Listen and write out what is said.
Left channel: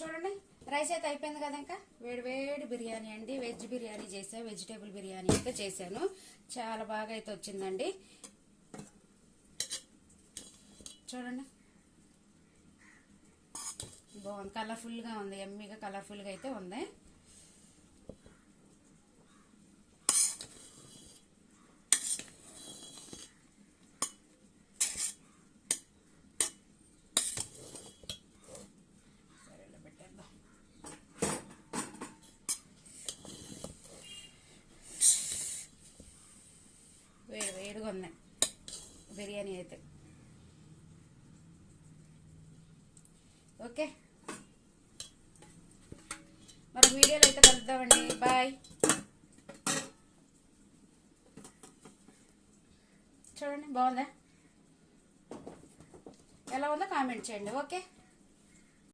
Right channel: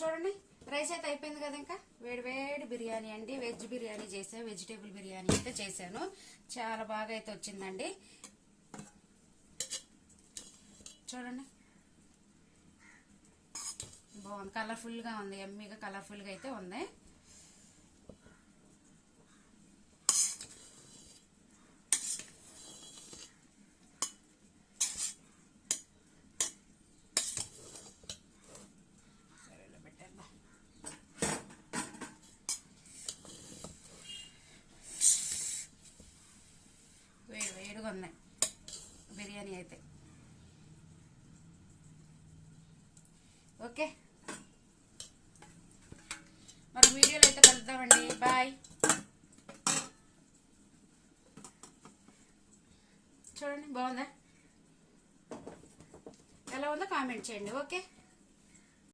చూడండి రైస్ అయితే అయిపోయింది కదా. ఇంకా వేడి వేడి బిర్యానీ అండి. వెజ్ బిర్యానీ చేసాను, వెజిటేబుల్ బిర్యానీ అయితే చేశాను. చాలా బాగా అయితే వచ్చిందండి. చూడండి బాగుంది, కలర్ఫుల్ గా ఉంది, ఎమ్మీగా కలర్ఫుల్ గా అయితే ఉంది. వేడి వేడిగా ఉన్నాయి బిర్యానీ అయితే. ఓకే, మరి వీడియోలో అయితే కలుద్దామండి. బాయ్. చూడండి బాగుందా, ఎలా ఉందో కామెంట్ చేయండి. ఓకే.